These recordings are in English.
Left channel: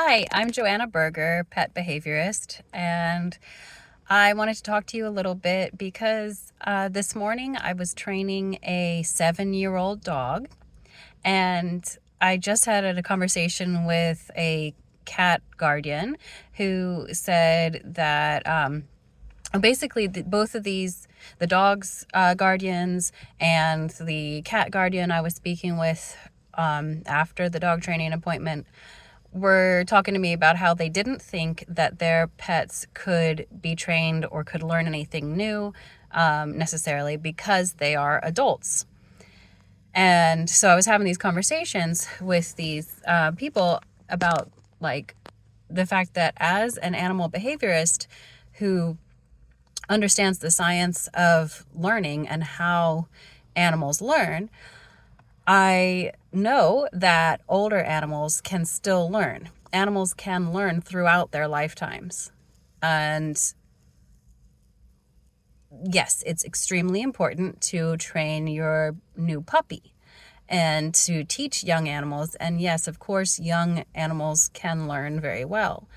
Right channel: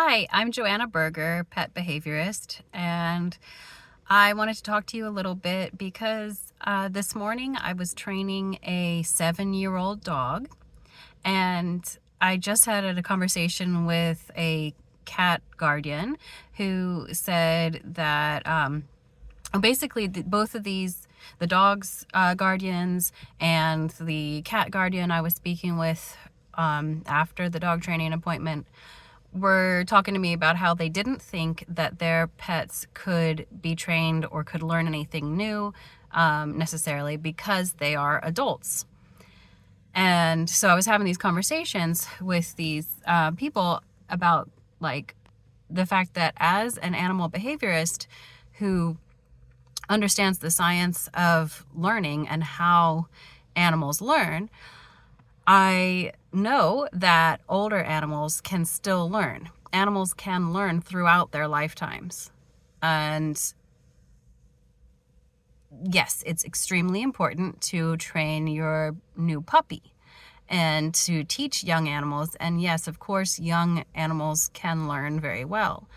Hi, I'm Joanna Berger, pet behaviorist, and I wanted to talk to you a little bit because this morning I was training a 7-year-old dog, and I just had a conversation with a cat guardian who said that basically both of these, the dog's guardians and the cat guardian I was speaking with after the dog training appointment, were talking to me about how they didn't think that their pets could be trained or could learn anything new necessarily because they are adults. And so I was having these conversations with these people about like the fact that as an animal behaviorist who understands the science of learning and how animals learn, I know that older animals can still learn. Animals can learn throughout their lifetimes. And yes, it's extremely important to train your new puppy and to teach young animals. And yes, of course, young animals can learn very well.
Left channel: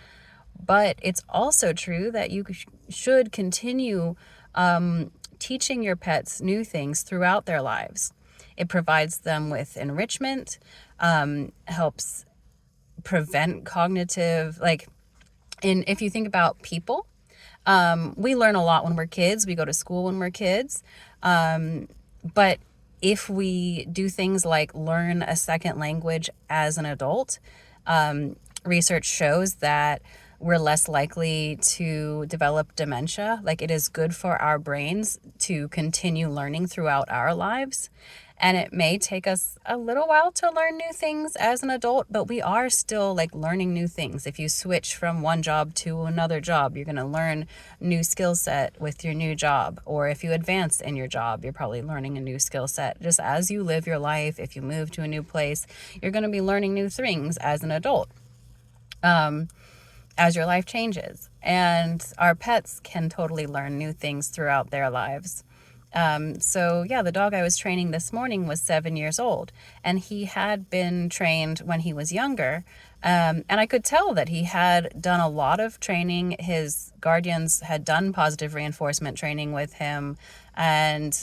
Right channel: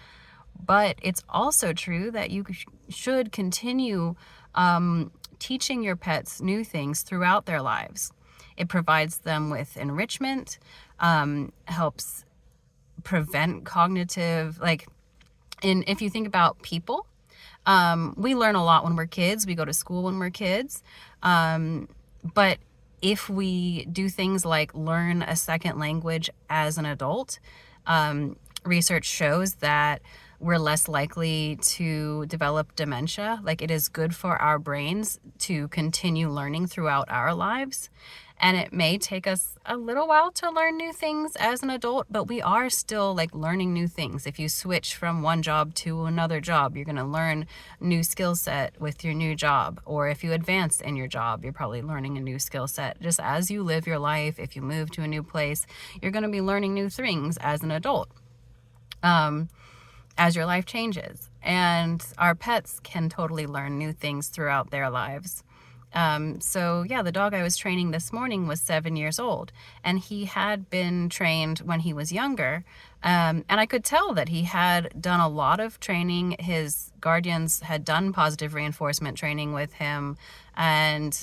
But it's also true that you should continue teaching your pets new things throughout their lives. It provides them with enrichment, helps prevent cognitive, if you think about people, we learn a lot when we're kids. We go to school when we're kids. But if we do things like learn a second language as an adult, research shows that we're less likely to develop dementia. Like, it is good for our brains to continue learning throughout our lives. And it may take us a little while to learn new things as an adult, but we are still like learning new things. If you switch from one job to another job, you're going to learn new skill set with your new job. Or if you advance in your job, you're probably learning a new skill set. Just as you live your life, if you move to a new place, you're going to be learning new things as an adult. As your life changes. And our pets can totally learn new things throughout their lives. So yeah, the dog I was training this morning was 7 years old, and he had been trained when he was younger. And I could tell that he had done a lot of training. His guardians had done positive reinforcement training with him, and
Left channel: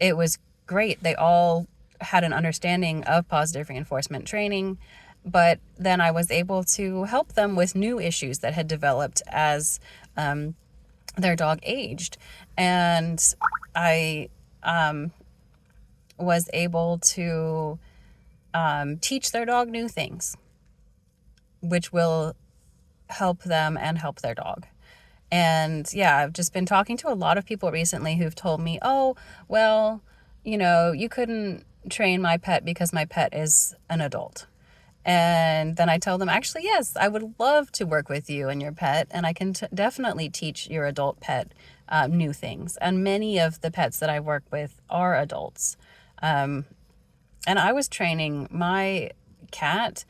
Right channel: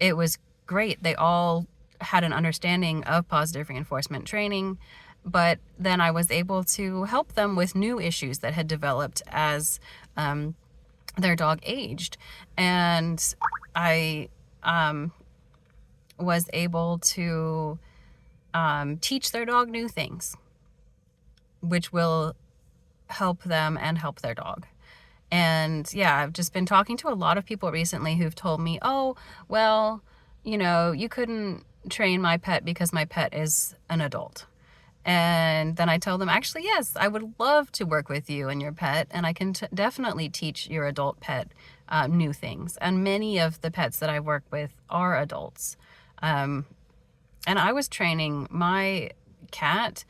it was great. They all had an understanding of positive reinforcement training. But then I was able to help them with new issues that had developed as their dog aged. And I was able to teach their dog new things, which will help them and help their dog. And yeah, I've just been talking to a lot of people recently who've told me, oh, well, you couldn't train my pet because my pet is an adult. And then I tell them, actually, yes, I would love to work with you and your pet, and I can definitely teach your adult pet new things. And many of the pets that I work with are adults. And I was training my cat,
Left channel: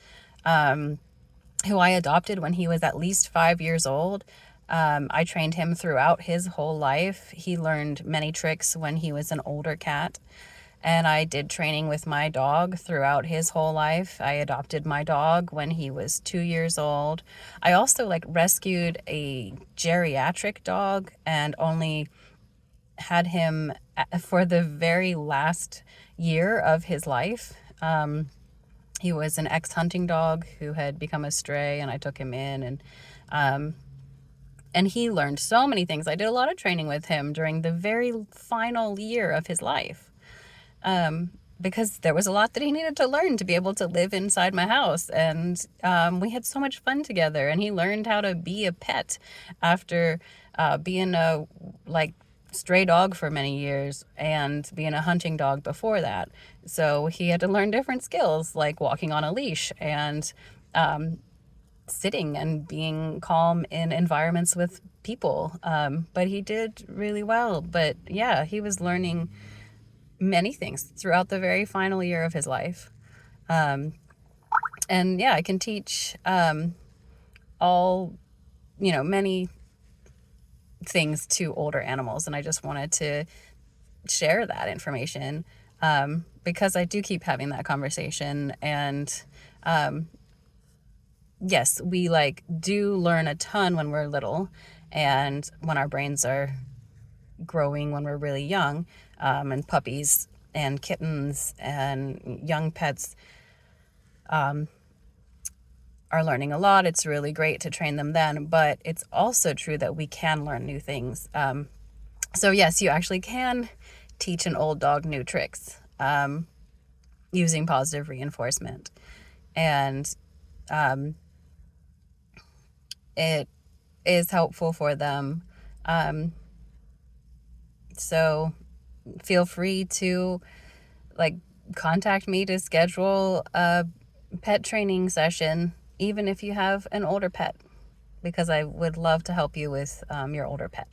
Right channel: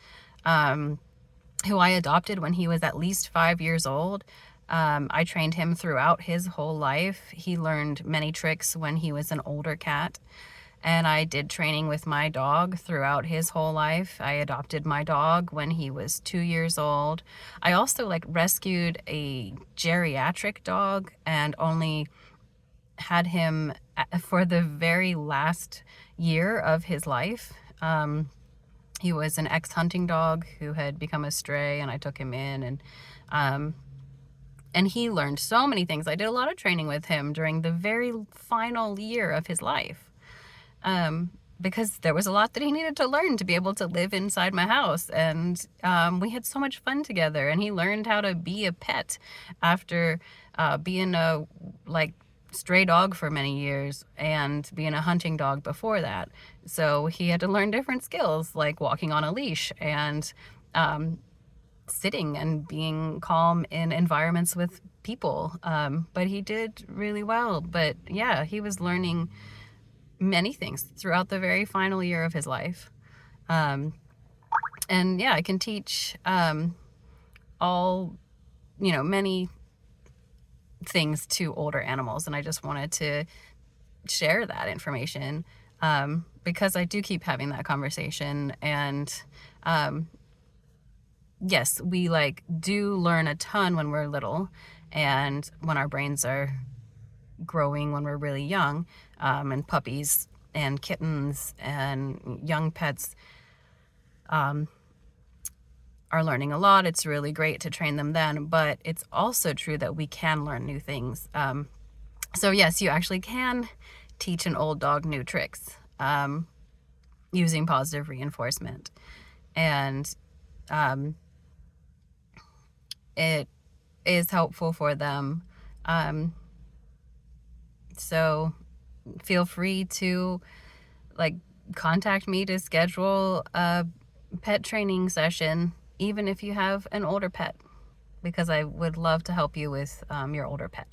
who I adopted when he was at least 5 years old. I trained him throughout his whole life. He learned many tricks when he was an older cat. And I did training with my dog throughout his whole life. I adopted my dog when he was 2 years old. I also rescued a geriatric dog and only had him for the very last year of his life. He was an ex-hunting dog who had become a stray, and I took him in, and he learned so many things. I did a lot of training with him during the very final year of his life. Because there was a lot that he needed to learn to be able to live inside my house. And we had so much fun together. And he learned how to be a pet after being a stray dog for many years and being a hunting dog before that. So he had to learn different skills, like walking on a leash and sitting and being calm in environments with people. But he did really well. But yeah, he was learning many things throughout the very final year of his life. And yeah, I can teach many things to older animals. And I just wanted to share that information because I do keep having that conversation. And yes, we like do learn a ton when we're little and when our brains are growing when we're really young, and puppies and kittens and young pets are learning a lot. It's really great to train them then, but it's also true that we can learn new things. So yes, you actually can teach an old dog new tricks using positive reinforcement. And it is helpful for them. So feel free to like contact me to schedule a pet training session, even if you have an older pet, because I would love to help you with your older pet.